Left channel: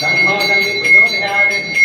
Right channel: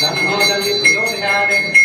Dharmodaya प्रचोदितात्